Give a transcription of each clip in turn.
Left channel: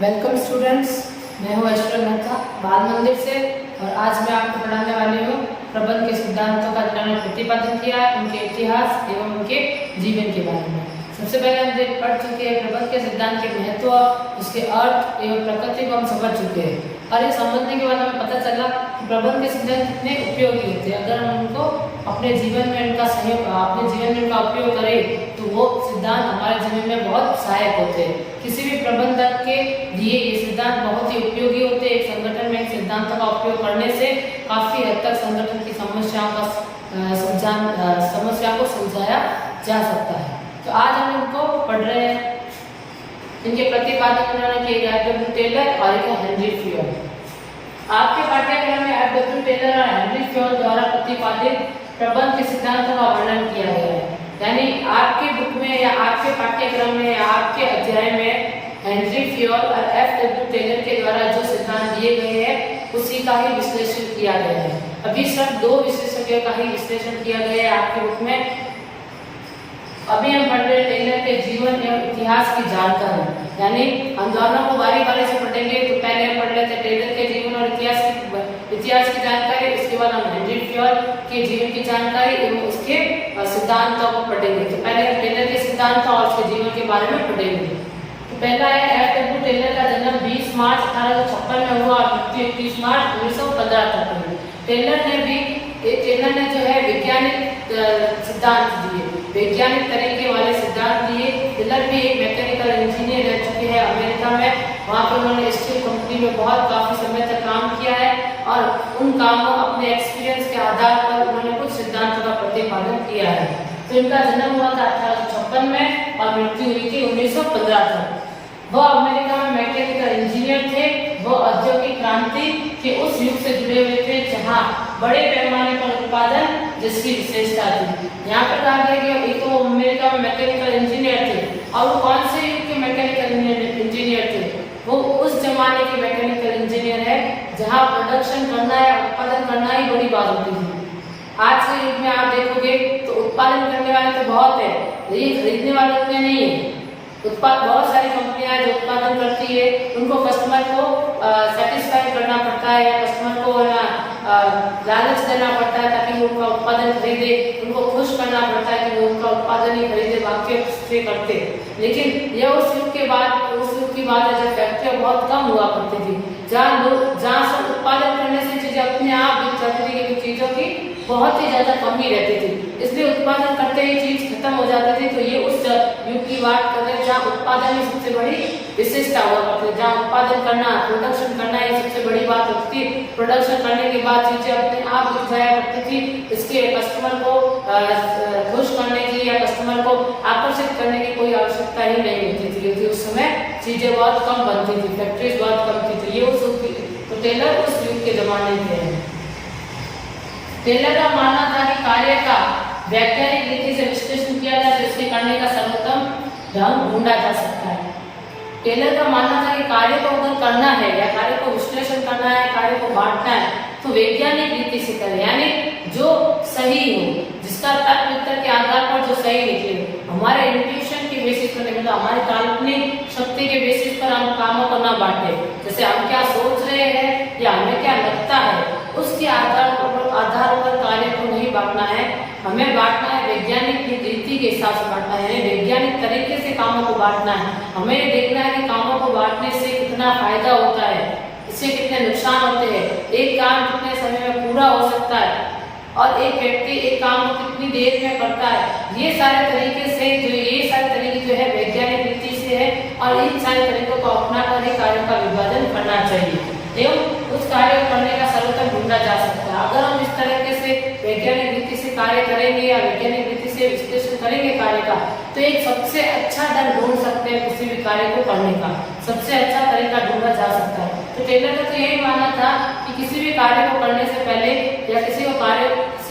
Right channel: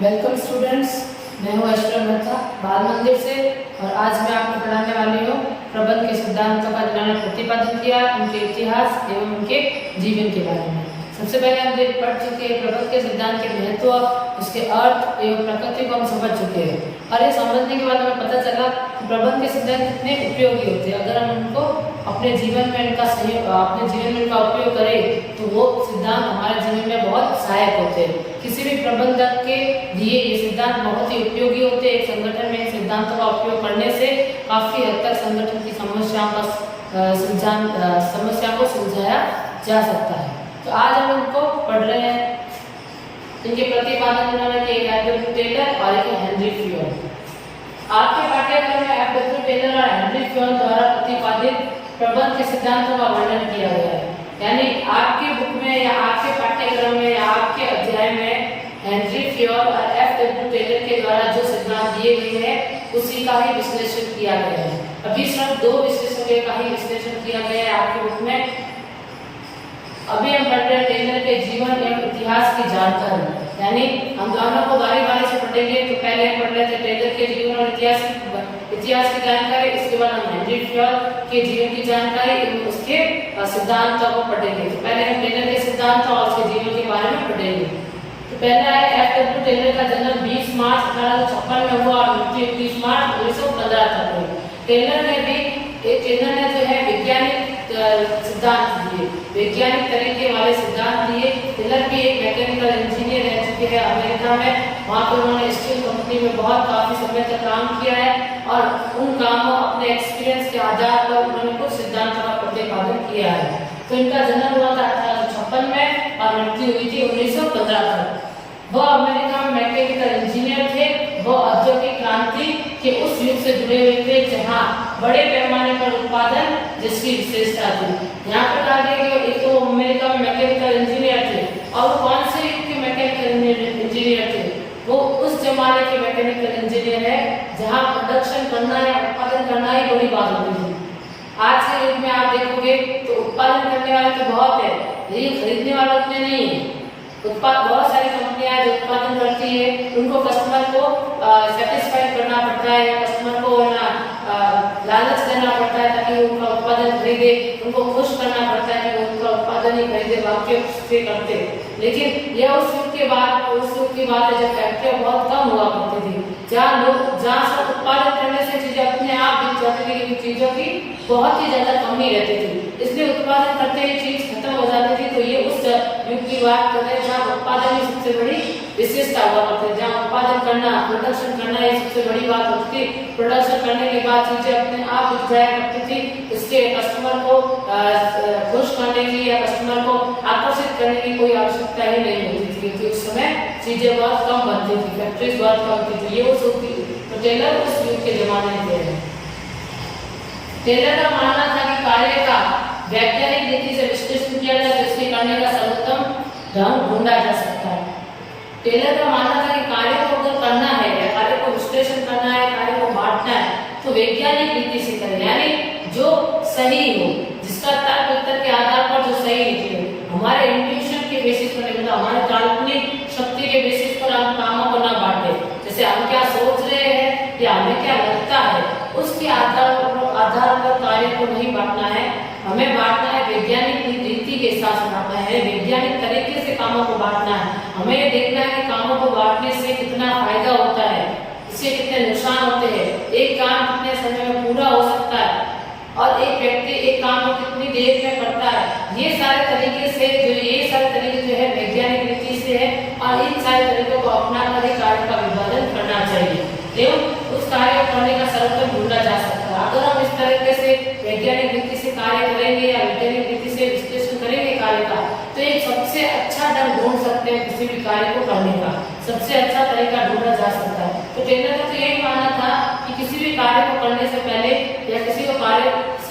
Welcome students, मैं हूँ ऐश्वर्या मेहता बाल मंदिर से और आज मैं आपको पढ़ाने वाली हूँ प्रबंध के सिद्धांतों का जिन्होंने प्रतिपादन किया, उनके इतिहास एवं उनके जीवन के बारे में। सबसे पहले हम पढ़ चुके हैं प्रबंध के सिद्धांत के महत्व, उसके अर्थ एवं प्रकृति को हम समझ चुके हैं और ये समझने के बाद हमें पता चला कि प्रबंध के सिद्धांत कितने उपयोगी होते हैं। अगर हम उनको अपने जीवन में उनका उपयोग करें तो वो सिद्धांत हमारे जीवन में बहुत सहायक होते हैं। किसी भी प्रबंधक के लिए ये सिद्धांत बहुत ही उपयोगी होते हैं। एक संगठन में इन सिद्धांतों का उपयोग करने से काफ़ी हद तक संगठन की समस्याओं को सुलझाया जा सकता है। तो आज हम इनको पढ़ रहे हैं। इनके प्रतिपादन उन्होंने किए एफ.डब्ल्यू. टेलर और एक हेनरी फ्योन। आपके पाठ्यक्रम में एफ.डब्ल्यू. टेलर और हेनरी फ्योन द्वारा प्रतिपादित प्रबंध के सिद्धांतों का वर्णन किया गया है। यानी आपकी बुक में या आपके पाठ्यक्रम में या आपके अध्याय में हेनरी फ्योन और एफ.डब्ल्यू. टेलर के द्वारा जो सिद्धांत दिए गए हैं उसी का ही विश्लेषण किया गया है। अभी सिर्फ 2 विशेषज्ञों का ही विश्लेषण किया गया है आपकी बुक में। अभी हम पढ़ रहे हैं टेलर के जीवन एवं इतिहास की जानकारी, यानी हम दोनों को बारी बारी से पढ़ेंगे। तो पहले हम पढ़ लेते हैं टेलर के जीवन और इतिहास की जानकारी, इसके बाद हम हेनरी फ्योन के जीवन की जानकारी एवं उसके सिद्धांतों को पढ़ेंगे। तो पहले हम टेलर के सिद्धांतों और उसके जीवन के बारे में पढ़ेंगे। तो पहला है एफ.डब्ल्यू. टेलर का जन्म 20 मार्च 1856 में हुआ और मृत्यु 31 मार्च 1915 तक हुई। टेलर ने जो है वैज्ञानिक सिद्धांत दिए, वैज्ञानिक तरीके वाले सिद्धांत दिए। टेलर भी एक मैकेनिकल इंजीनियर रह चुके हैं अमेरिका में। वहाँ पर उन्होंने स्टील कंपनी में काफी समय तक काम किया है और उन कामों अपने एक्सपीरियंस के आधार पर उन्होंने कुछ सिद्धांतों का प्रतिपादन किया है। तो इनका जन्म हुआ था 1856 में और मृत्यु हुई थी 1915 तक। वह अमेरिका में मैकेनिकल इंजीनियर थे। वह औद्योगिक क्रांति के उस युग से जुड़े हुए थे जहां बड़े पैमाने पर उत्पादन जिसकी विशेषता थी। यहाँ पर कहा गया कि एक तो अमेरिका में मैकेनिकल इंजीनियर थे और वो कौन से युग के मैकेनिकल इंजीनियर थे? वो उस जमाने के मैकेनिकल इंजीनियर है जहाँ प्रोडक्शन करना या उत्पादन करना ही बड़ी बात होती थी। आज के युग में आप देखोगे तो उत्पादन करने वाले तो बहुत है, लेकिन खरीदने वाले उतने नहीं है। बहुत सारी कंपनियां जो उत्पादन करती है उनको कस्टमर को सेटिस्फाई करना पड़ता है, कस्टमर को लालच देना पड़ता है ताकि वो उनका उत्पादन खरीदे, उनको खुश करना पड़ता है कि वो उनका उत्पादन ही खरीदे, बाकी से करते। लेकिन यह उस युग की बात है जब फैक्ट्रियां बहुत कम हुआ करती थी, जहाँ सब उत्पादन करने से चीजें अपने आप बिक जाती थी, चीजों की बहुत ही ज्यादा कमी रहती थी, इसलिए उत्पादन करते ही चीज खत्म हो जाती थी। तो ये उस युग की बात कर रहे हैं जहाँ उत्पादन ही सबसे बड़ी विशेषता हुआ करती है, जहाँ उत्पादन करना, प्रोडक्शन करना ये सबसे बड़ी बात होती थी। प्रोडक्शन करने के बाद चीजें अपने आप बिक जाया करती थी, इसके कस्टमर को खुश करने की या कस्टमर को आकर्षित करने की कोई आवश्यकता ही नहीं होती थी, क्योंकि उस समय चीजें बहुत कम बनती थी, फैक्ट्रीज बहुत कम थी। तो ये उस तो टेलर उस युग के जमाने में टेलर का मानना था कि कार्य का वैज्ञानिक रीति से विश्लेषण किया जाए तो इसके करने का सर्वोत्तम ढंग ढूंढा जा सकता है। टेलर का मानना था कि कार्य को अगर करना है या कार्य को विश्लेषण करना है, कार्य को बांटना है तो वैज्ञानिक रीति से करें, यानी जो सही हो, जिसका तर्क उत्तर के आधार पर जो सही निकले। हमारे इंट्यूशन के बेसिस पर नहीं, मतलब हमारे काल्पनिक शक्ति के बेसिस पर हम कामों को ना बांटे। जैसे हम क्या सोच रहे हैं या हमें क्या लगता है उसके आधार पर कार्य को नहीं बांटना है। हमें बांटना है वैज्ञानिक रीति के हिसाब से बांटना है, वैज्ञानिक तरीके से कामों को बांटना है। हमें देखना है कि कामों को बांटने से कितना फायदा होता है, इससे कितने नुकसान होते हैं, एक काम कितने समय में पूरा हो सकता है और एक व्यक्ति एक काम को कितनी देर में करता है। ये सारे तरीके जो है वैज्ञानिक रीति से है और इन सारे तरीकों को अपना कर कार्य का विभाजन करना चाहिए एवं उस कार्य को करने का सर्वोत्तम ढूंढा जा सकता है। अगर हम इस तरीके से वैज्ञानिक रीति से कार्य करेंगे या वैज्ञानिक रीति से विश्लेषण करेंगे कार्य का, तो एक सबसे अच्छा ढंग ढूंढ सकते हैं किसी भी कार्य को करने का, सबसे अच्छा तरीका ढूंढा जा सकता है। तो टेलर का तो यही मानना था कि किसी भी कार्य को करने से पहले या किसी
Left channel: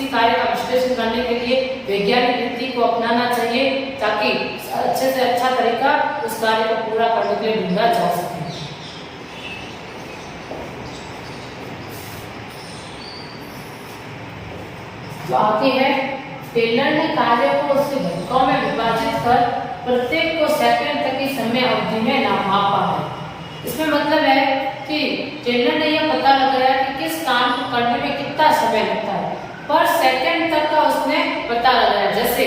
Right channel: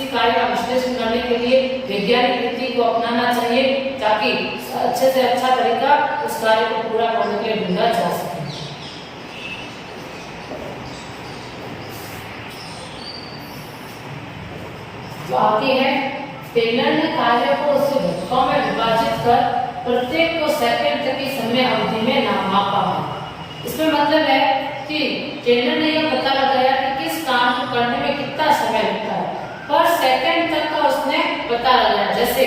कार्य का विश्लेषण करने के लिए वैज्ञानिक रीति को अपनाना चाहिए ताकि अच्छे से अच्छा तरीका उस कार्य को पूरा करने के लिए ढूंढा जा सके। जो आती है, टेलर ने कार्य को उसके घटकों में विभाजित कर प्रत्येक को सेकंड तक की समय अवधि में नापा है। इसमें मतलब है कि टेलर ने यह पता लगाया कि किस काम को करने में कितना समय लगता है, पर सेकंड तक का उसने पता लगाया। जैसे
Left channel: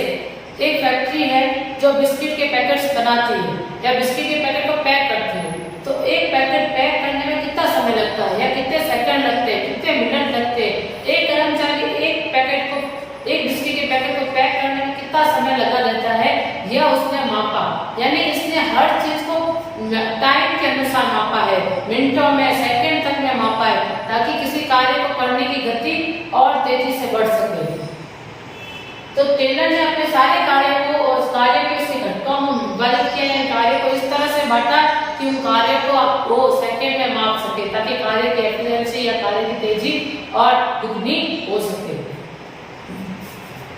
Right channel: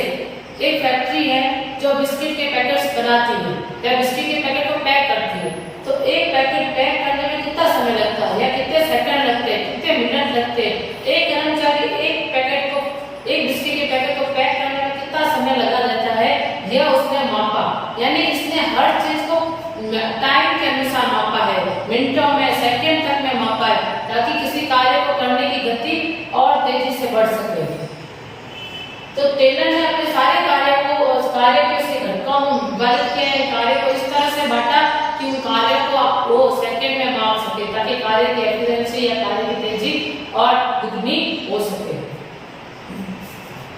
एक फैक्ट्री है जो बिस्किट के पैकेट्स बनाती है या बिस्किट के पैकेट को पैक करती है, तो एक पैकेट पैक करने में कितना समय लगता है या कितने सेकंड लगते हैं, कितने मिनट लगते हैं। एक कर्मचारी एक बिस्किट के पैकेट को पैक करने में कितना समय लगा देता है, यह उसने मापा। यानी इसने हर चीज को टाइम के अनुसार मापा है, मिनटों में, सेकंड तक में मापा है, ताकि किसी कार्य को करने की गति और तेजी से बढ़ सके। तो टेलर ने अपने सारे कार्य को और कार्य के उसके घटकों में विभाजित किया है, कार्य को इस तरह से बांटा कि उन कार्य को वो सेकंड में माप सके, ताकि कार्य की एफिशिएंसी या कार्य की तेजी और दुगनी हो सके।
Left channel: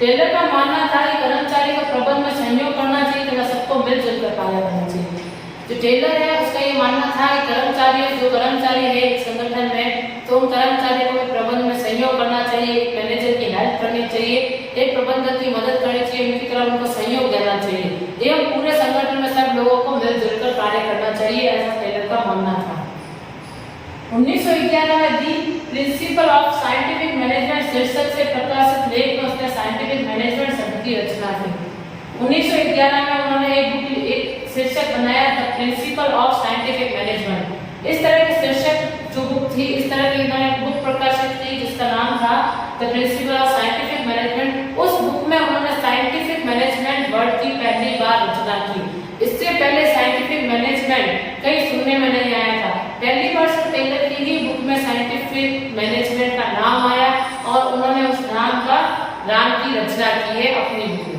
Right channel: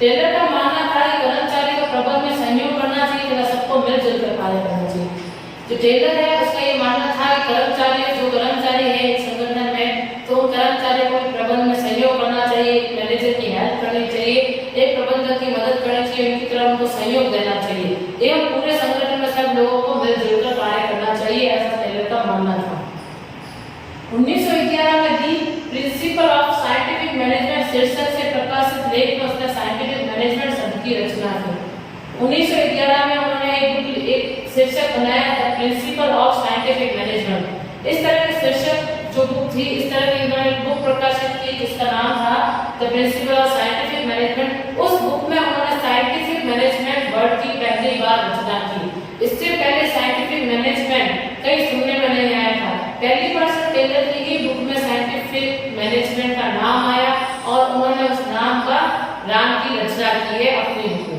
टेलर का मानना था कि कर्मचारी को प्रबंधन में सहयोग करना चाहिए तथा सबको मिलजुल कर कार्य करना चाहिए। जो टेलर है उसका ये मानना था कि जो कर्मचारी है एक संगठन में, तो उन कर्मचारियों को प्रबंधन में सहयोग करना चाहिए, मैनेजर की हेल्प करनी चाहिए, एक प्रबंधक की मदद करनी चाहिए, उनकी तरफ उनको सहयोग देना चाहिए एवं पूरे संगठन में सब लोगों को मिलजुल कर कार्य करना चाहिए, ऐसा टेलर का मानना था। 1911 में दी प्रिंसिपल ऑफ साइंटिफिक मैनेजमेंट शीर्षक से प्रकाशित लेख में उसने साइंटिफिक मैनेजमेंट शब्द की रचना की। 1911 में उन्होंने एक शीर्षक बनाया था, प्रिंसिपल ऑफ साइंटिफिक मैनेजमेंट। इस तरह के शीर्षक जो बुक थी, इस तरह की उन्होंने एक बुक प्रकाशित की जिसका नाम था the principle of scientific management. उस बुक में उन्होंने साइंटिफिक मैनेजमेंट वर्ड की पहली बार रचना की। इससे पहले साइंटिफिक मैनेजमेंट कहीं सुनने में नहीं आया था। पहली बार सर टेलर की ही बुक में साइंटिफिक मैनेजमेंट का नाम आया और उन्होंने उस नाम की रचना की है अपनी बुक में।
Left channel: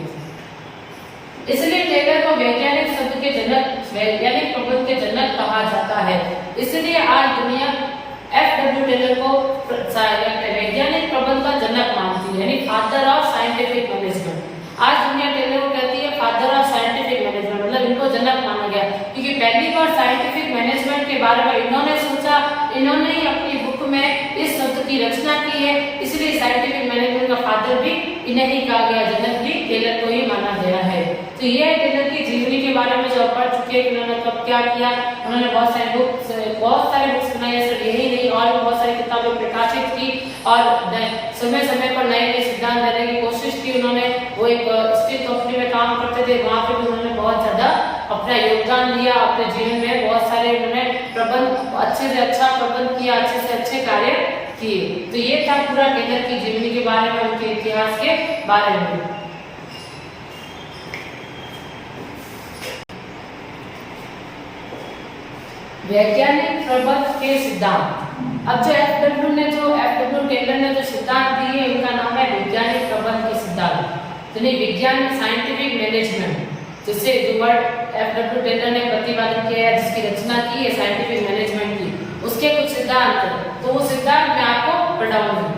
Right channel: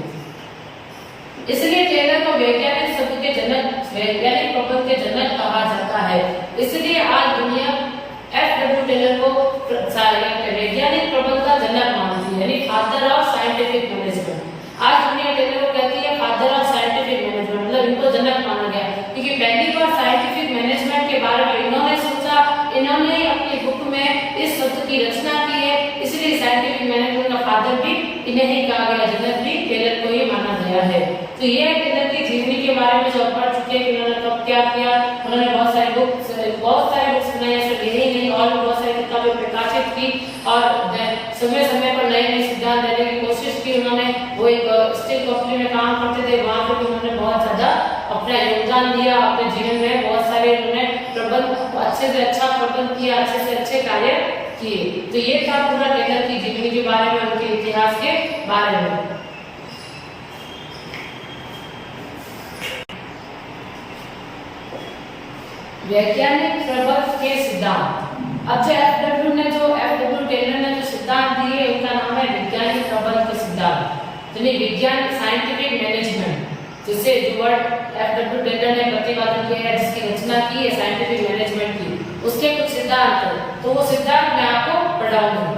इसलिए टेलर को वैज्ञानिक शब्द के जनक, वैज्ञानिक प्रबंध के जनक कहा जाता है। इसलिए आज दुनिया F.W. टेलर को वैज्ञानिक प्रबंध का जनक मानती है, यानी फादर ऑफ साइंटिफिक मैनेजमेंट। आज दुनिया टेलर को कहती है फादर ऑफ साइंटिफिक मैनेजमेंट, मतलब इनको जनक माना गया, क्योंकि पहली बार साइंटिफिक मैनेजमेंट के बारे में इन्होंने सोचा, इन्होंने ही अपनी बुक में इस शब्द की रचना की है, इसलिए साइंटिफिक मैनेजमेंट का फादर भी इन्हें ही कहा गया, जनक भी टेलर को ही माना गया है। तो यह टेलर की जीवनी के बारे में जो पढ़ चुके हैं कि उन्होंने कब क्या किया। उन्होंने बहुत सारे बुक्स बनाए, सिर्फ यही नहीं और भी बहुत सारी किताबें प्रकाशित की और समय समय पर नए नए सिद्धांत देने की कोशिश की उन्होंने। वो एक स्टील कंपनी में काम करते थे, वहाँ पे भी उन्होंने बहुत ज्यादा अपना योगदान दिया। अपने जीवन में बहुत सारे उन्होंने प्रबंध अच्छे से अच्छा प्रबंध किया, अच्छे से अच्छे कार्य किए। तो ये था पूरा टेलर की जीवनी के बारे में, उनके इतिहास के बारे में। वैज्ञानिक प्रबंध के सिद्धांत। अब जो F.W. टेलर ने जो सिद्धांत दिए उनका नाम है वैज्ञानिक प्रबंध के सिद्धांत, यानी विज्ञान साइंटिफिक मैनेजमेंट, जिससे जो वर्ड F.W. टेलर ने प्रतिपादन किया है, जिसकी रचना की है साइंटिफिक मैनेजमेंट की, उसके कुछ सिद्धांत है। तो वो सिद्धांत मैं आपको पढ़ाऊंगा।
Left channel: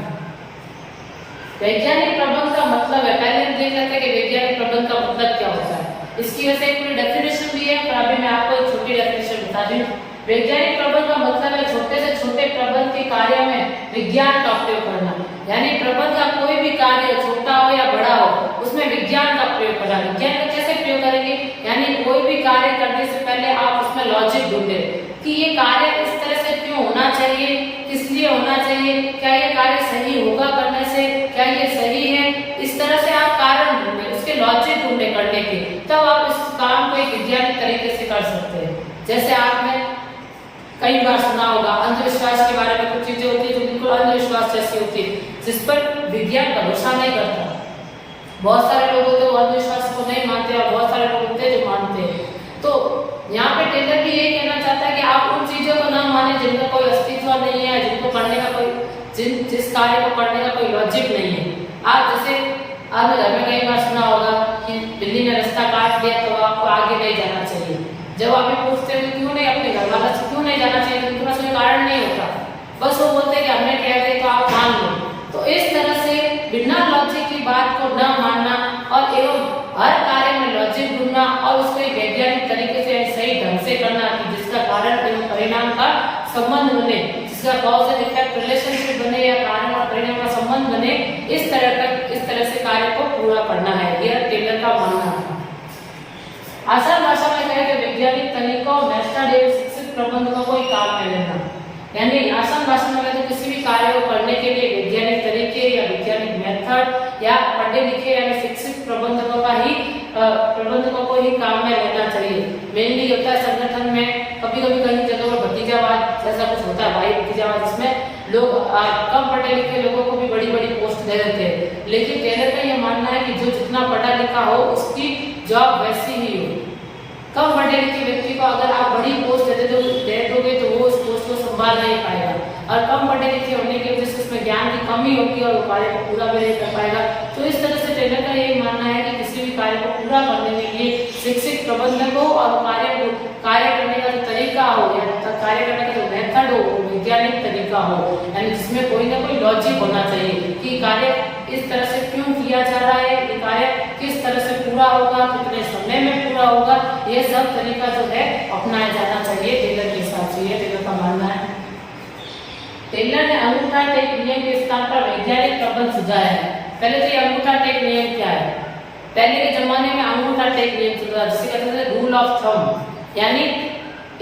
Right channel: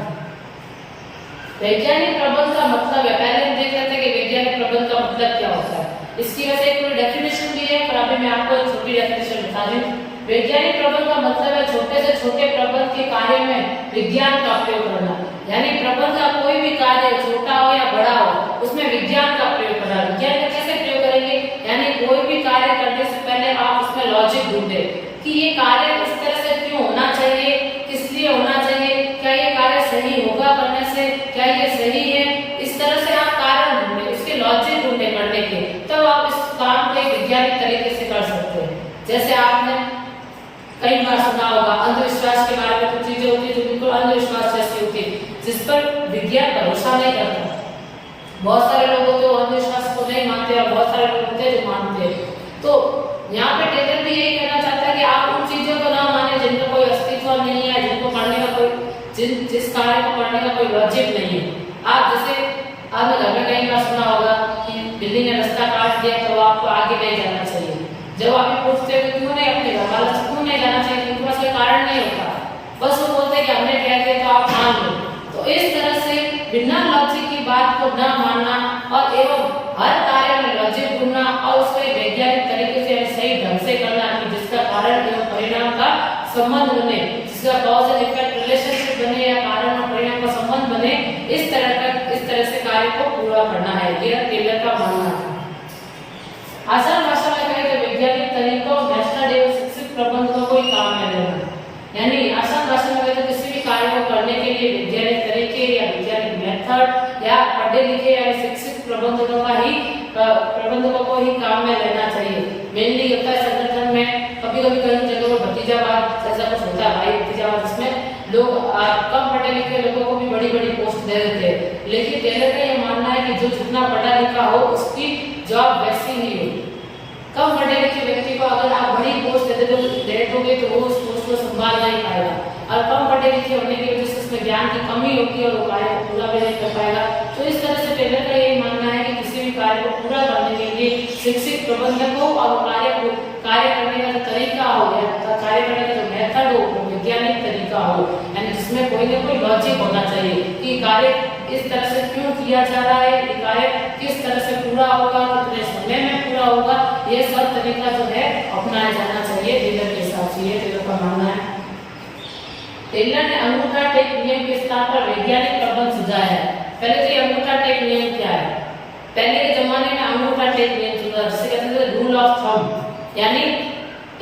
वैज्ञानिक प्रबंध का मतलब है, पहले हम देख लेते हैं कि वैज्ञानिक प्रबंध का मतलब क्या होता है। इसकी वैसे एक पूरी डेफिनेशन भी है, पर अभी मैं आपको एक छोटी डेफिनेशन बता दूं। वैज्ञानिक प्रबंध का मतलब है छोटे से छोटे प्रबंध के कार्य में विज्ञान का प्रयोग करना, यानी प्रबंध का कोई भी कार्य छोटा हो या बड़ा हो, उसमें विज्ञान का प्रयोग करना। विज्ञान का कैसे प्रयोग करेंगे, यानी कोई भी कार्य करने से पहले आप उसमें लॉजिक ढूंढे कि ये कार्य इस तरह से क्यों होना चाहिए, किस लिए होना चाहिए, क्या ये कार्य सही होगा करने से, क्या ये सही है, इस तरह से आप कारण ढूंढे, उसके लॉजिक ढूंढे करने के, तब आप इस काम को एक वैज्ञानिक तरीके से कर सकते हैं। जैसे आपने कई बार सुना होगा अंधविश्वास के बारे में, कुछ चीजें होती है जो बिल्कुल अंधविश्वास जैसी होती है, जिस पर विज्ञान भरोसा नहीं करता। बहुत सारे लोग होते हैं अंधविश्वास को नहीं मानते और बहुत सारे लोग होते हैं जो मानते हैं। तो यहाँ पे टेलर भी यही कहना चाहता है कि आप उन चीजों को ना माने जिनका कोई अस्तित्व नहीं है, जिनको करने का कोई जिस कार्य को करने का कोई लॉजिक नहीं है। आप जैसे आपने घर में कई बार सुना होगा कि बिल्ली ने रास्ता काट दिया तो आपको आगे नहीं जाना चाहिए। जब आप पूछते हो क्यों नहीं, अपने घर वालों से क्यों नहीं जाना चाहिए, क्योंकि बस कोई कारण नहीं होता, बस वो बोलते हैं कि हमने कह दिया तो आप मान लो। तो इस तरह से बिना लॉजिक की बात को न मानना और एवं हर कार्य में लॉजिक ढूंढना और उसको एक वैज्ञानिक तरीके से सही ढंग से करना कि जिसका कारण एवं परिणाम का संबंध बने, जिसका कॉज एंड इफेक्ट रिलेशनशिप बने या कारण और परिणाम का संबंध बने, इस तरह से कार्य को पूरा करना है। यह टेलर का मानना था। आसान भाषा में कहें तो वैज्ञानिक तरीकों, मेथड एवं शिक्षित विकसित प्रबंधकों को ही काम में लेना। यानी आसान भाषा में तो किसी भी कार्य को करने के लिए वैज्ञानिक तरीके या वैज्ञानिक मेथड या पढ़े लिखे या शिक्षित प्रबंधकों को ही काम में लेना चाहिए। मेनली होता है संगठन में कभी कभी कई जगहों पर भतीजावाद जैसा कुछ होता है, भाई भतीजावाद, जिसमें लोग कम पढ़े लिखे लोगों को भी बड़ी बड़ी पोस्ट दे देते हैं। लेकिन टेलर का ये मानना है कि जो जितना पढ़ा लिखा हो उसकी जॉब वैसी ही हो। कम पढ़े लिखे व्यक्ति को अगर आप बड़ी पोस्ट दे दोगे तो वो उस पोस्ट को संभाल नहीं पाएगा, और कम पढ़े लिखे होने की वजह से उसमें ज्ञान की कमी होगी और वो कार्य को पूरा भी नहीं कर पाएगा। तो इस तरह से टेलर का यही मानना है कि किसी भी कार्य को पूरा करने के लिए शिक्षित प्रबंधक हो और कार्य करने का जो तरीका हो या कार्य करने का जो मेथड हो वो वैज्ञानिक तरीका हो, यानी जिसमें कोई ना कोई लॉजिक होना चाहिए कि कार्य इस तरह से क्यों किया जा रहा है, ये कार्य किस तरह से पूरा होगा, कितने समय में पूरा होगा, ये सब तरीका जो है अपनाया जाना चाहिए टेलर के हिसाब से। ये टेलर का मानना है। टेलर ने अंगूठा टेक नियम के स्थान पर वैज्ञानिक प्रबंध सुझाया है। पहले तो ये अंगूठा टेक नियम क्या है? पहले के जमाने में अंगूठा टेक नियम सुना जिसे कहते थे रूल ऑफ थंब, यानी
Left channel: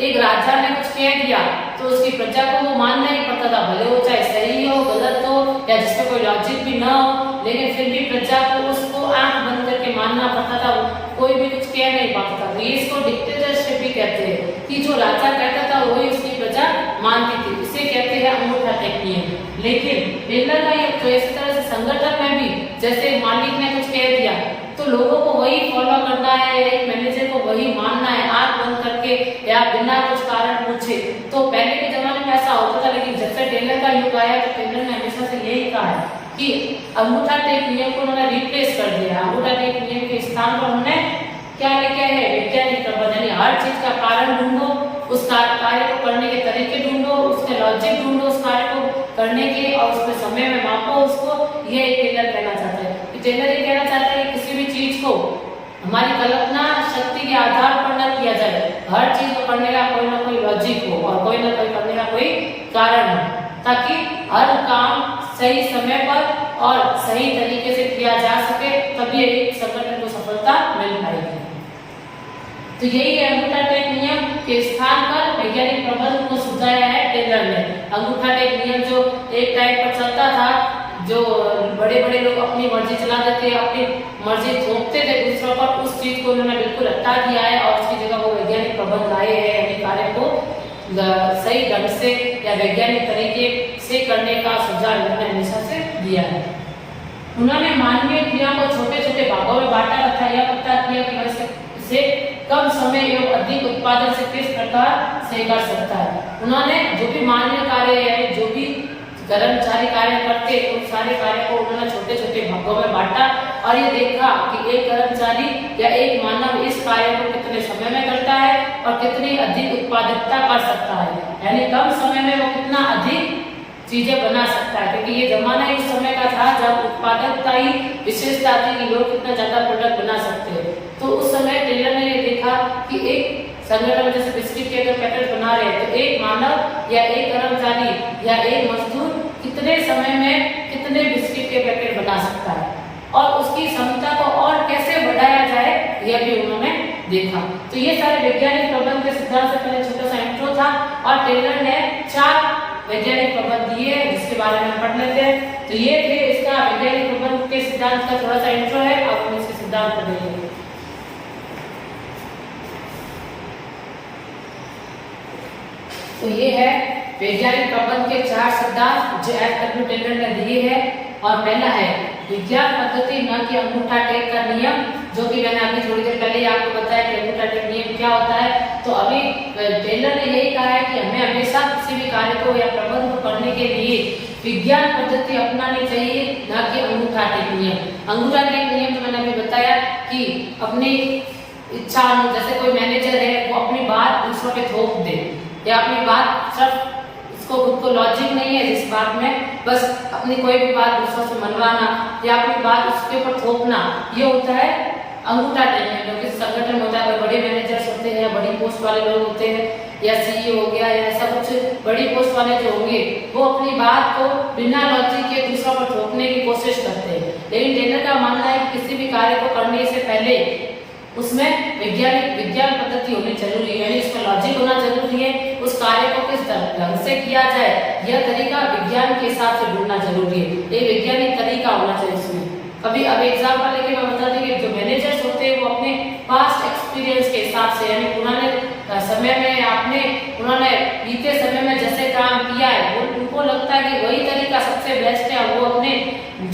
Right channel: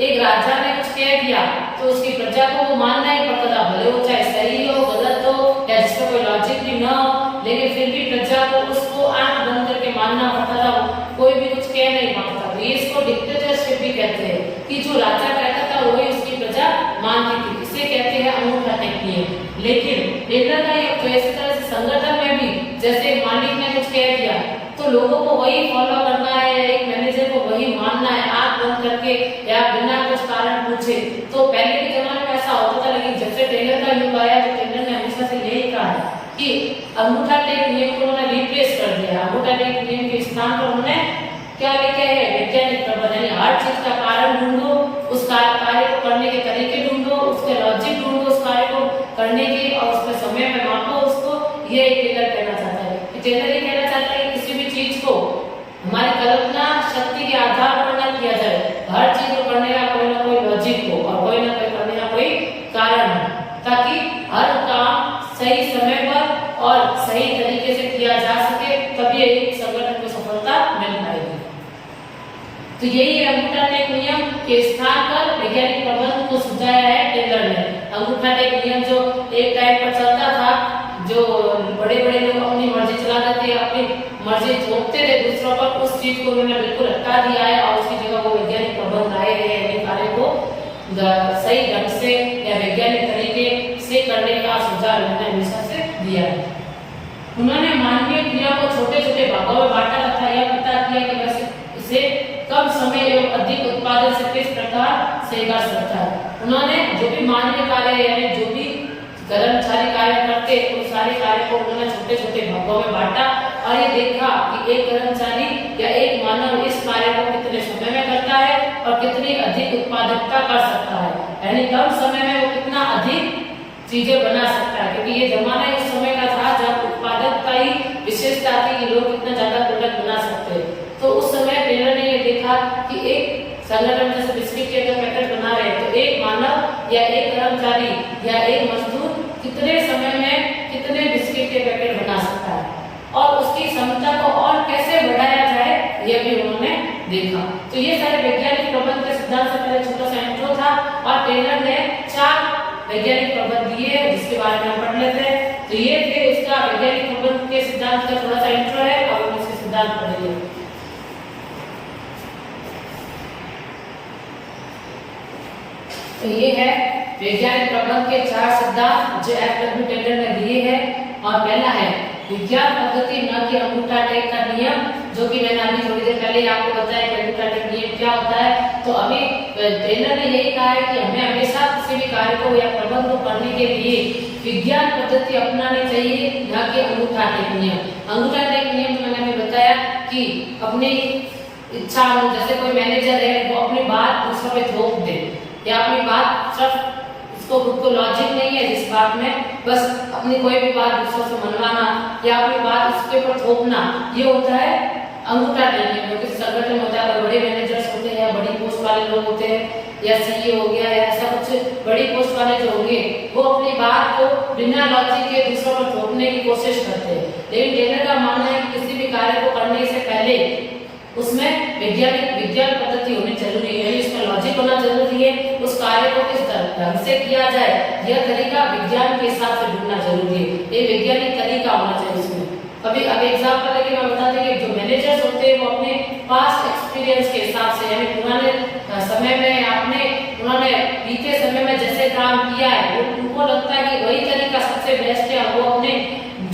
एक राजा ने कुछ कह दिया तो उसकी प्रजा को वो मानना ही पड़ता था, भले वो चाहे सही हो गलत हो या जिसमें कोई लॉजिक भी ना हो, लेकिन फिर भी प्रजा को उसको आंख बंद करके मानना पड़ता था, कोई भी कुछ कह नहीं पाता था। तो ये इसको डिक्टेटरशिप भी कहते हैं कि जो राजा कहता था वही उसकी प्रजा मानती थी, इसे कहते हैं अंगूठा टेक नियम। लेकिन टेलर का ये तो इस तरह से संगठन में भी जैसे मालिक ने कुछ कह दिया तो लोगों को वही फॉलो करना है, एक मैनेजर को वही मानना है आंख बंद करके या बिना कुछ कारण पूछे। तो पहले के जमाने में ऐसा होता था, लेकिन जब से टेलर का युग आया तो टेलर ने हमेशा से यही कहा है कि अंगूठा टेक नियम को उन्होंने रिप्लेस कर दिया। अंगूठा टेक नियम के स्थान पर उन्होंने क्या लेके है? वैज्ञानिक प्रबंध, यानी हर चीज का कारण ढूंढो, उस कार्य को करने के तरीके ढूंढो, उसके लॉजिक ढूंढो उस कार्य को करने के, और उसके समय में मापो उसको। ये टेलर कहना चाहता है। टेलर ये कहना चाहता है कि किसी भी चीज को हमारी कल्पना शक्ति के आधार पर न किया जाए, हर चीज को करने का कोई ना कोई लॉजिक हो और कोई ना कोई करने का कोई कारण हो, ताकि हर काम सही समय पर और सही तरीके से किया जा सके, तभी एक संगठन को सफलता मिल पाएगी। तो यही है अंगूठा टेक नियम के स्थान पर वैज्ञानिक प्रबंध को सुझाया है टेलर ने। अंगूठा टेक नियम जो एक टाइम पर चलता था, जो बड़े बड़े लोग अपनी मर्जी चलाते थे, अपनी मर्जी थोपते थे दूसरों पर, उस चीज को उन्होंने बिल्कुल हटा दिया है और उसकी जगह वो वैज्ञानिक प्रबंध आए हैं अपने कार्य को सही ढंग से या वैज्ञानिक तरीके से करने का सुझाव उन्होंने हमेशा से दिया है। उन्होंने मानवीय क्रिया को छोटे छोटे भागों में बांटा तथा यह पता किया कि वैसे इसे कम समय एवं अधिक उत्पादन से किस प्रकार से कर सकता है। उन्होंने जो भी मानवीय कार्य यानी जो भी कर्मचारी कार्य करते उन सारे कार्य को उन्होंने छोटे छोटे भागों में बांटा और ये देखा कि एक कर्मचारी या एक मानव इस कार्य को कितने समय में करता है और कितनी अधिक उत्पादकता कर सकता है, यानी कम समय में वो कितना अधिक चीजें बना सकता है। क्योंकि ये जमाना ही उस समय का था जब उत्पादकता ही विशेषता थी कि लोग कितना ज्यादा प्रोडक्ट बना सकते हैं। तो उस समय टेलर ने ये देखा कि एक संगठन जैसे बिस्किट के अगर पैकेट बना रहे हैं तो एक मानव या एक कर्मचारी या एक मजदूर कितने समय में कितने बिस्किट के पैकेट बना सकता है और उसकी क्षमता को और कैसे बढ़ाया जाए यह भी उन्होंने देखा। तो ये सारे वैज्ञानिक प्रबंध के सिद्धांत से पहले छोटा सा इंट्रो था और टेलर ने 4 वैज्ञानिक प्रबंध दिए जिसके बारे में हम पढ़ लेते हैं। तो ये थे इसका वैज्ञानिक प्रबंध के सिद्धांत का थोड़ा सा इंट्रो है और हम इसके सिद्धांत पढ़ेंगे। तो ये है वैज्ञानिक प्रबंध के 4 सिद्धांत जो एफ.डब्ल्यू. टेलर ने दिए हैं। और पहला है विज्ञान पद्धति न कि अंगूठा टेक का नियम, जो कि मैंने अभी थोड़ी देर पहले ही आपको बताया कि अंगूठा टेक नियम क्या होता है। तो अभी टेलर ने यही कहा है कि हमें हमेशा किसी भी कार्य को या प्रबंध को करने के लिए विज्ञान पद्धति अपनानी चाहिए, न कि अंगूठा टेक नियम। अंगूठा टेक नियम तो मैंने अभी बताया कि अपनी इच्छा, जैसे कोई मैनेजर है वो अपनी बात दूसरों पे थोप दे या अपनी बात सिर्फ इसको खुद को लॉजिक नहीं है जिस बात में बस अपनी कोई भी बात दूसरों से मनवाना या अपनी बात उसके ऊपर थोपना, ये होता है अंगूठा टेक नियम। क्योंकि संगठन में होता है बड़े मैनेजर्स होते हैं, बड़ी पोस्ट वाले लोग होते हैं या सीईओ हो गया या ऐसा कुछ बड़ी पोस्ट वाले जो होंगे वो अपनी बात को बिना लॉजिक के दूसरों पर थोपने की कोशिश करते हैं। लेकिन टेलर का मानना है कि किसी भी कार्य को करने से पहले उसमें विज्ञान पद्धति होनी जरूरी है, यानी उसका लॉजिक होना जरूरी है, उस यह तरीका विज्ञान के हिसाब से ढूंढना जरूरी है, ये वैज्ञानिक तरीका होना चाहिए इसमें। अभी अब एग्जाम्पल लेके मैं बता दूं कि जो मैनेजर्स होते हैं वो अपने पास्ट एक्सपीरियंस के हिसाब से, यानी पुराने समय में उन्होंने बीते समय में जैसे काम किया है उनको लगता है कि वही तरीका सबसे बेस्ट है, वो अपने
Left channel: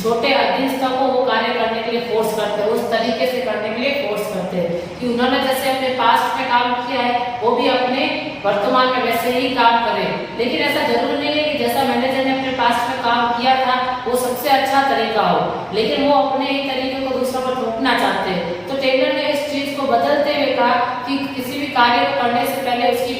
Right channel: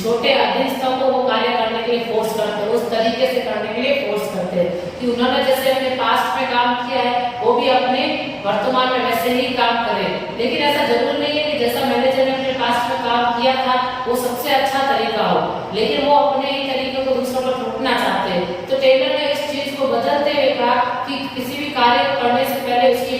छोटे अधीनस्थों को वो कार्य करने के लिए फोर्स करते हैं, उस तरीके से करने के लिए फोर्स करते हैं कि उन्होंने जैसे अपने पास्ट में काम किया है वो भी अपने वर्तमान में वैसे ही काम करें। लेकिन ऐसा जरूरी नहीं है कि जैसा मैनेजर ने अपने पास्ट में काम किया था वो सबसे अच्छा तरीका हो, लेकिन वो अपने ही तरीके को दूसरों पर थोपना चाहते हैं। तो टेलर ने इस चीज को बदलते हुए कहा कि किसी भी कार्य को करने से पहले उसकी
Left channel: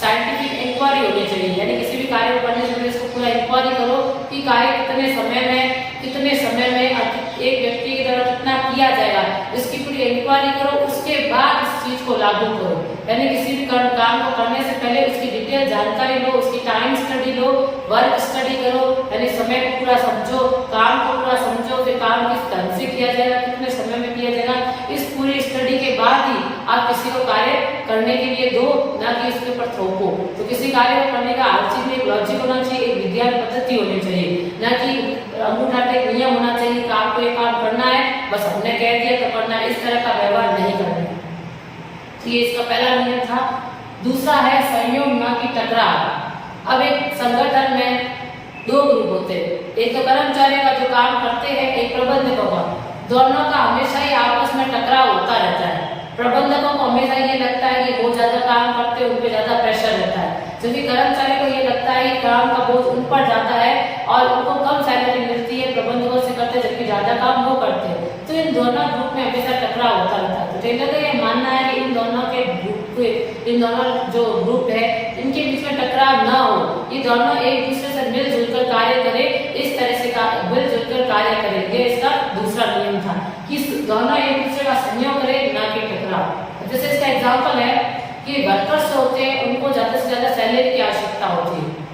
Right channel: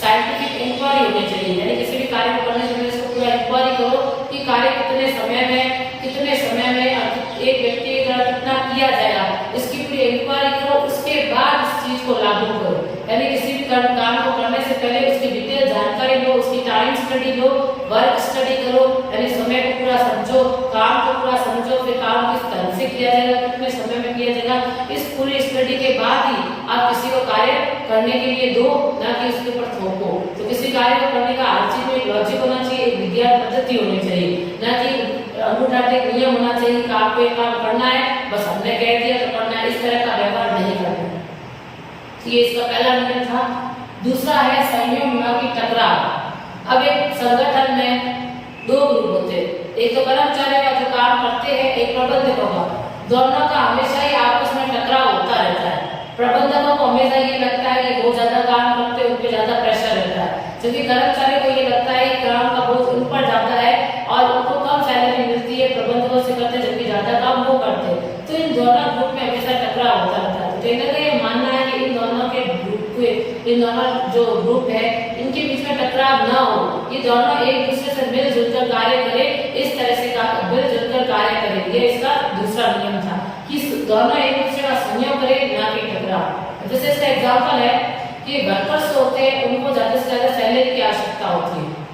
साइंटिफिक इंक्वायरी होनी चाहिए, यानी किसी भी कार्य को करने से पहले उसको पूरा इंक्वायरी करो कि कार्य कितने समय में एक व्यक्ति के द्वारा कितना किया जाएगा, इसकी पूरी इंक्वायरी करो, उसके बाद इस चीज को लागू करो। यानी किसी भी काम को करने से पहले उसकी डिटेल जानकारी लो, उसकी टाइम स्टडी लो, वर्क स्टडी करो, यानी समय को पूरा समझो, काम को पूरा समझो, फिर काम किस तरह से किया जाएगा, कितने समय में किया जाएगा। इस पूरी स्टडी के बाद ही आप किसी को कार्य करने के लिए दो, ना कि इसके ऊपर थोपो। तो किसी कार्य को करने का हर चीज में एक लॉजिक होना चाहिए, एक विज्ञान पद्धति होनी चाहिए, ना कि अंगूठा टेक नियम होना चाहिए कि आपको ये काम करना है, बस हमने कह दिया तो करना है, इस तरह का व्यवहार नहीं करना। तो ये इसका पहला नियम था। दूसरा है संयोग न कि टकराव। अब एक संगठन में दो ग्रुप होते हैं, एक तो कर्मचारी का जो काम करते हैं, एक प्रबंधकों का। दोनों का हमेशा ही आपस में टकराव होता रहता है। प्रबंधकों को हमेशा ये लगता है कि वो ज्यादा काम करते हैं, उन पे ज्यादा प्रेशर रहता है, जबकि कर्मचारी को ये लगता है कि काम का बोझ उन पर ज्यादा है और उनको कम सैलरी मिलती है, प्रबंधकों से करते जबकि ज्यादा काम वो करते हैं। तो इन दोनों ग्रुप में हमेशा टकराव होता रहता है। तो टेलर का ये मानना है कि इन दोनों जो ग्रुप है इनके बीच में टकराव न हो, ये दोनों एक दूसरे से मिलजुल कर कार्य करें, इस तरह से मिलजुल कर कार्य करें। ये इसका दूसरा नियम था कि दोनों एक दूसरे का सहयोग करें, ना कि टकराव। जैसे इसका एग्जाम्पल है कि वर्कर्स होते हैं उनको ज्यादा से ज्यादा सैलरी की आवश्यकता होती है,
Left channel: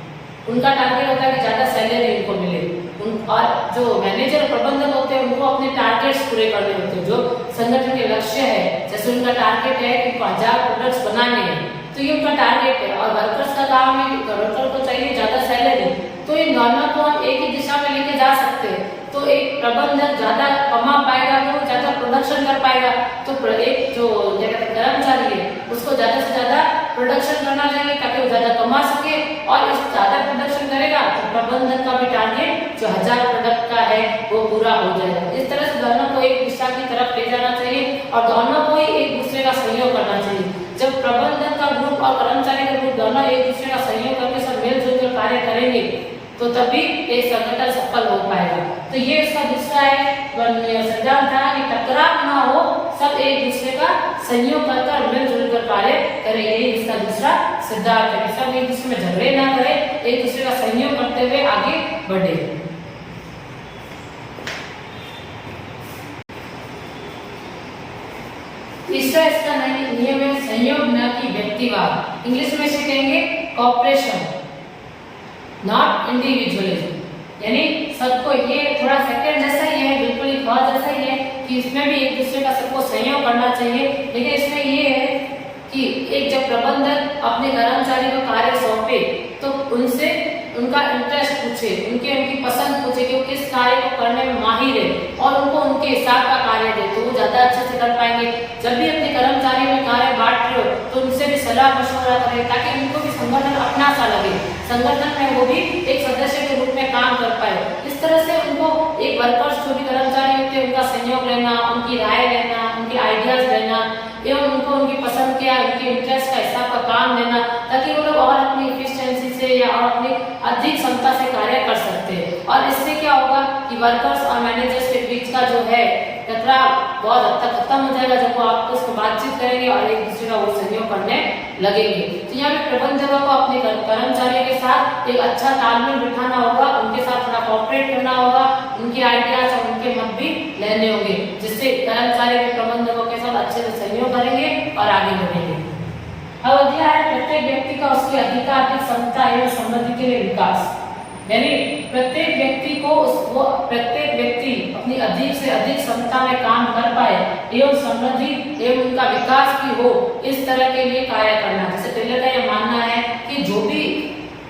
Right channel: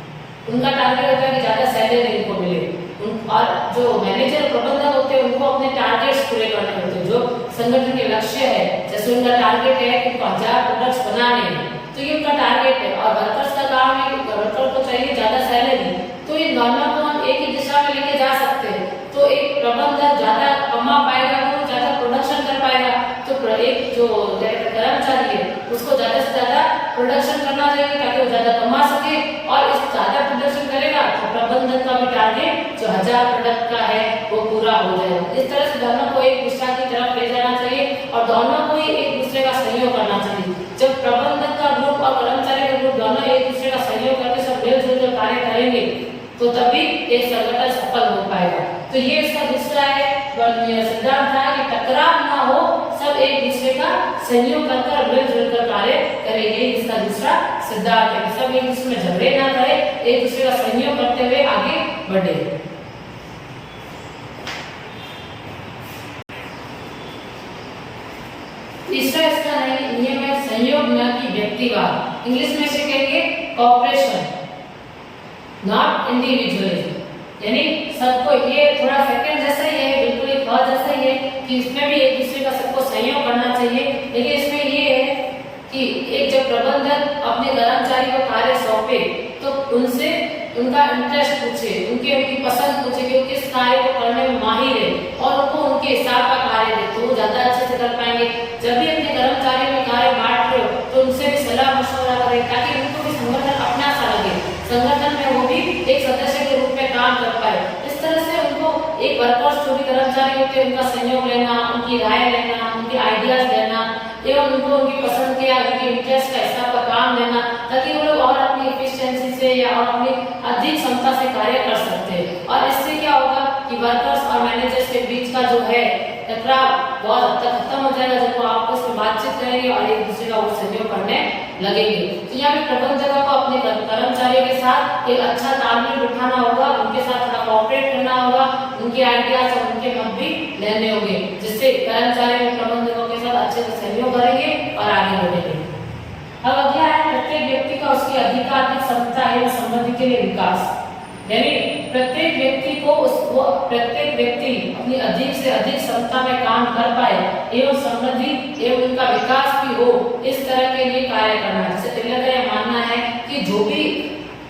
उनका टारगेट होता है कि ज्यादा सैलरी इनको मिले। और जो मैनेजर प्रबंधक होते हैं उनको अपने टारगेट्स पूरे करने होते हैं, जो संगठन के लक्ष्य है, जैसे उनका टारगेट है कि 1000 प्रोडक्ट्स बनाने हैं, तो ये उनका टारगेट है। और वर्कर्स का काम है कि वर्कर को चाहिए ज्यादा सैलरी, तो इन दोनों को हम एक ही दिशा में लेके जा सकते हैं। तो एक प्रबंधक ज्यादा कमा पाएगा, वो ज्यादा प्रोडक्शन कर पाएगा, तो एक जो कर्मचारी है उसको ज्यादा से ज्यादा प्रोडक्शन करना चाहिए ताकि वो ज्यादा कमा सके, और इस ज्यादा प्रोडक्शन करेगा तो प्रबंधक का भी टारगेट जो 1000 प्रोडक्ट का है वो पूरा हो जाएगा। इस तरह से दोनों को एक दिशा की तरफ ले जाना चाहिए और दोनों को ही एक दूसरे का सहयोग करना चाहिए। जब प्रबंधक का ग्रुप और कर्मचारी का ग्रुप दोनों एक दूसरे का सहयोग करके सब मिलजुल कर कार्य करेंगे तो तभी एक संगठन सफल हो पाएगा। तो ये इसका दूसरा है सिद्धांत था कि टकराव ना हो, सब एक दूसरे का सहयोग कर मिलजुल कर कार्य करेंगे। इसका दूसरा सिद्धांत है, सब एक दूसरे में झगड़े ना करें, एक दूसरे का सहयोग करते हुए आगे बढ़े। तीसरा इसका नियम है संयोग न कि व्यक्तिवाद। इंग्लिश में से कहेंगे कॉपरेशन नॉट इंडिविजुअलिज्म, यानी सबको, ये थोड़ा सेकंड जैसा ही है, बिल्कुल एक और जैसा ही है कि इसमें भी एक दूसरे का सबको सहयोग करना चाहिए। लेकिन इसमें ये है कि एक जब प्रबंधक अपने कर्मचारी को कार्य सौंपे तो उनसे उनका इंटरेस्ट पूछे, उनकी पसंद पूछे कि वो किस कार्य को करने में माहिर है और उनको उनके हिसाब का कार्य दे तो वो ज्यादा अच्छे से कर पाएंगे। जब भी अपने कर्मचारी में कार्य बांट रहे हो तो उनसे भी सलाह मशवरा करें ताकि उनको भी संगठन अपना सा लगे, संगठन में वो भी एक सदस्य के रूप में काम कर पाए। इस तरह से उनको एक वर्कर्स जो भी कर्मचारी होते हैं उनका सहयोग लेना, उनकी राय लेना, उनके आइडियाज लेना एवं उनको उनकी पसंद के उनके इंटरेस्ट का हिसाब का काम लेना ताकि वो लोग और अपनी एफिशिएंसी से या और अपनी अधिक क्षमता से कार्य कर सकते हैं। और इससे क्या होगा कि वर्कर्स और मैनेजर्स के बीच का जो है टकराव बहुत हद तक खत्म हो जाएगा जब वो आपस में बातचीत करेंगे और एक दूसरे का वो सहयोग करने लगेंगे। तो यहाँ पे प्रबंधकों को अपने कर्मचारियों के साथ एक अच्छा तालमेल बिठाना होगा, उनके साथ थोड़ा कोऑपरेट करना होगा, उनके आइडियाज और उनके मत भी लेने होंगे, जिससे कर्मचारी भी प्रबंधकों के साथ अच्छे से सहयोग करेंगे और आगे बढ़ेंगे। अब अगला है प्रत्येक व्यक्ति का उसकी अधिकाधिक क्षमता एवं संबंधी के लिए विकास, यानी प्रत्येक व्यक्ति अपनी अधिक से अधिक क्षमता में काम कर पाए एवं संबंधी एवं उनका विकास भी हो, इस तरह के लिए कार्य करना। जैसे टेलर का यह मानना है कि जो भी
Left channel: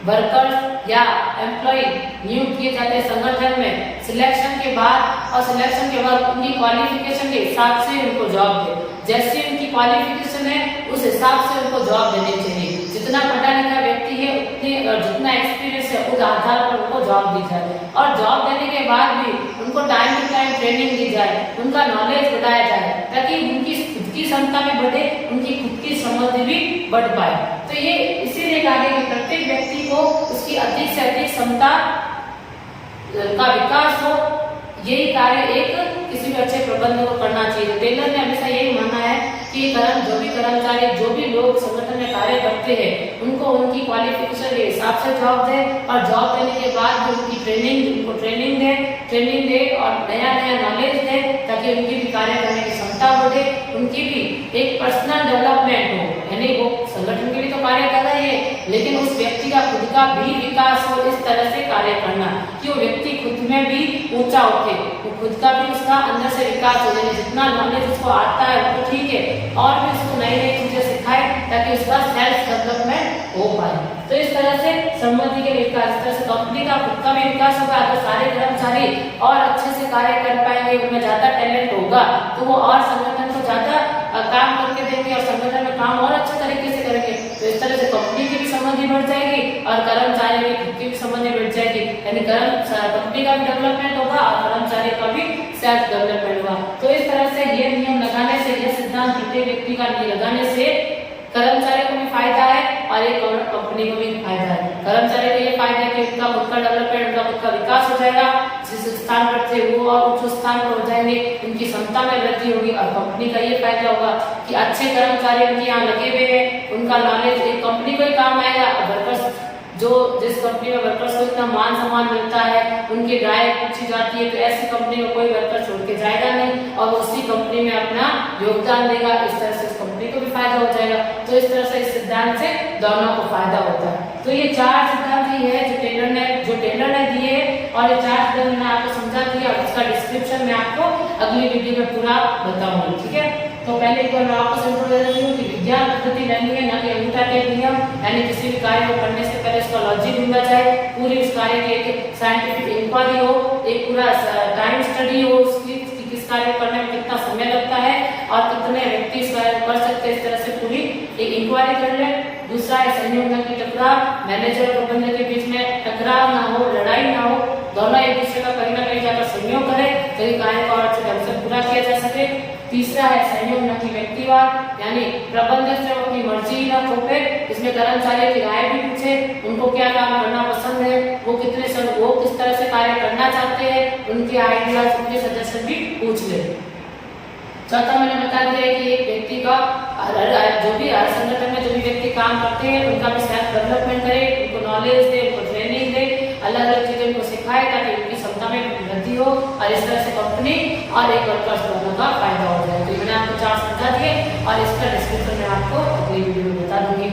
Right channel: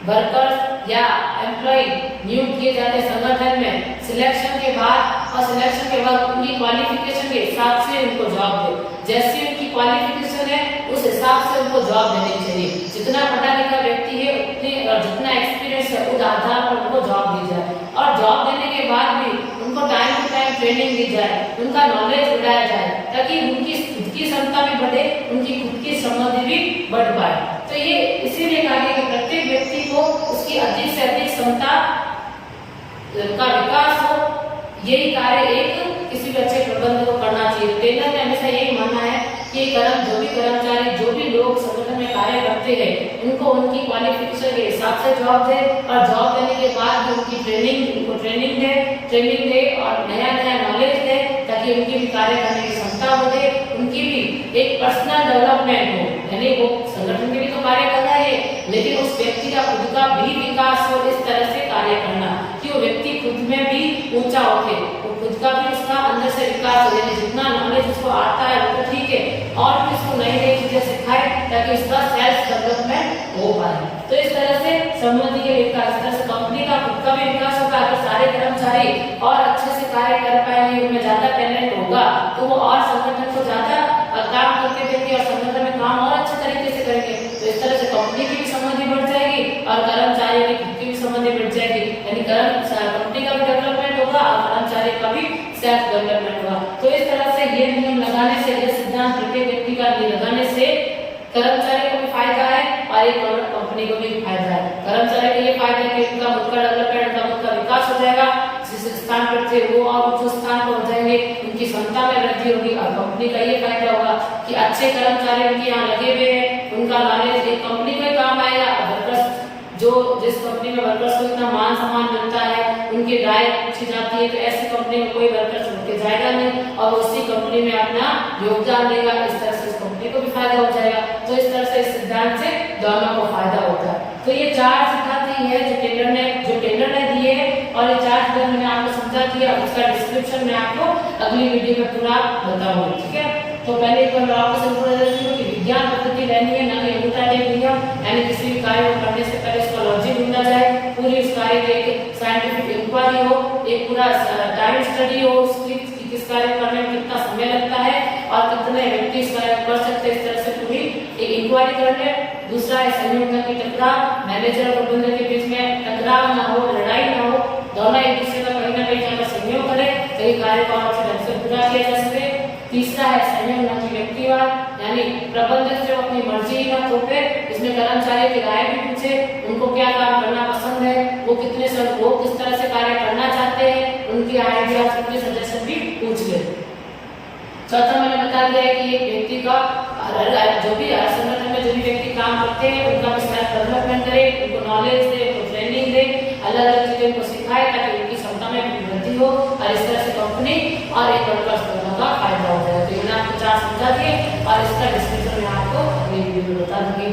वर्कर्स या एम्प्लॉय नियुक्त किए जाते हैं संगठन में, सिलेक्शन के बाद और सिलेक्शन के बाद उनकी क्वालिफिकेशन के हिसाब से उनको जॉब दे। जैसी उनकी क्वालिफिकेशन है उस हिसाब से उनको जॉब देनी चाहिए। जितना पढ़ा लिखा व्यक्ति है उतने और जितना एक्सपीरियंस है उस आधार पर उनको जॉब दी जाए और जॉब देने के बाद भी उनको टाइम टू टाइम ट्रेनिंग दी जाए, उनका नॉलेज बढ़ाया जाए ताकि उनकी खुद की क्षमता भी बढ़े, उनकी खुद की समझ भी बढ़ पाए। तो ये इसीलिए कहा गया कि प्रत्येक व्यक्ति को उसकी अधिक से अधिक क्षमता का विकास हो, यही कार्य एक किसी भी अच्छे प्रबंधक को करना चाहिए। टेलर ने हमेशा यही मानना है कि जो भी कर्मचारी जो भी लोग संगठन में कार्य करते हैं उनको उनकी क्वालिफिकेशन के हिसाब से जॉब दे और जॉब देने के बाद भी उनकी उनको ट्रेनिंग दे और नया नया नॉलेज दे ताकि उनकी भी कार्य करने की क्षमता बढ़े, उनकी भी एक पर्सनल डेवलपमेंट हो। यानी वो संगठन के भी तो कार्य कर रहे हैं लेकिन उस व्यक्ति का खुद का भी विकास हो, इस तरह से कार्य करना कि वो व्यक्ति खुद में भी ऊंचा उठे, वो खुद का भी उसका अंदर से विकास हो। यानी जितना नॉलेज उसको आता है वो ठीक है और भी उसको नई नई चीजें सिखाए ताकि उसका सेल्फ डेवलपमेंट हो पाए। तो इस तरह से सम्मति के विकास, इस तरह से कंपनी का खुद का भी विकास होगा तो सारे कर्मचारी और अच्छे से कार्य कर पाएंगे, उनमें ज्यादा टैलेंट होगा तो वो और संगठन को ज्यादा काम करके देंगे और संगठन में काम और अच्छे तरीके से करेंगे। तो इस तरह से कंपनी की भी समझ भी बढ़ जाएगी और कर्मचारी की खुद की भी समझ भी बढ़ जाएगी। यानी कंपनी का भी डेवलपमेंट होगा और कर्मचारी का भी सेल्फ डेवलपमेंट होगा। तो इस तरह से ये नियम लगाने से, ये सिद्धांत प्रत्येक व्यक्ति का लगाने से कर्मचारी को भी फायदा है और एक कंपनी को भी फायदा है। कर्मचारी को ये फायदा है कि उनका खुद का डेवलपमेंट, उनका खुद का विकास हो जाएगा, जिस स्थान पर थे वो और उच्च स्थान पर हो जाएंगे, उनकी क्षमता में वृद्धि होगी। और कंपनी का ये फायदा होगा कि अच्छे कर्मचारी उनके यहाँ लगे हुए हैं, उनका नॉलेज एक कंपनी को ही काम आएगा। वर्कर्स जो जिस कंपनी में वर्कर्स को इतना मान सम्मान मिलता है, उनकी राय पूछी जाती है, तो ऐसी कंपनी में कोई वर्कर छोड़ के जाएगा नहीं और उसी कंपनी में अपना योगदान देगा। इस तरह से उस कंपनी को भी फायदा हो जाएगा। तो इस तरह से इस सिद्धांत से दोनों को फायदा होता है। तो ये चार सिद्धांत ही है जो टेलर ने दिए और ये चार सिद्धांत मैंने आपको समझा दिया और इसका डिस्क्रिप्शन मैं आपको अगली वीडियो में पूरा बताऊंगी। ठीक है, तो पहले एक बार मैं आपको समझा देती हूँ कि विज्ञान पद्धति लेनी है, ना कि उल्टा-टेढ़ नियम। यानी किसी भी कार्य को करने से पहले उसका लॉजिक मिलना चाहिए, पूरे उस कार्य की एक साइंटिफिक इंक्वायरी हो, एक पूरा टाइम स्टडी हो उसकी कि किस कार्य को करने में कितना समय लगता है और कितने व्यक्ति इस कार्य को कर सकते हैं, इस तरह से पूरी एक इंक्वायरी कर ले। दूसरा है सहयोग न कि टकराव, मैनेजर प्रबंधक के बीच में टकराव ना हो, लड़ाई ना हो, दोनों एक दूसरे का कहीं ना कहीं जाकर सहयोग करें तो ये कार्य को और अच्छे ढंग से पूरा किया जा सके। तीसरा है संयोग न कि व्यक्तिवाद, यानी प्रबंधक से अपनी मर्जी ही न थोपे, इसमें कर्मचारियों की राय भी पूछे, उनको क्या काम करना पसंद है, वो किस तरह से कार्य करना चाहते हैं, उनके आइडिया, उनके सजेशन भी पूछ ले। चौथा मैंने बता दिया कि एक व्यक्ति का जो भी हर संगठन में जो भी व्यक्ति काम करते हैं उनका भी सेल्फ डेवलपमेंट करे, उनको नॉलेज दे, उनको ट्रेनिंग दे, अलग अलग चीजें उनको सिखाए ताकि उनकी क्षमता में वृद्धि हो और इस तरह से कंपनी और एक वर्कर्स दोनों का फायदा हो जाए। तो मैंने आपको चार समझा दिए और इसका डिस्क्रिप्शन में आपको अगली वीडियो में बता दूंगी।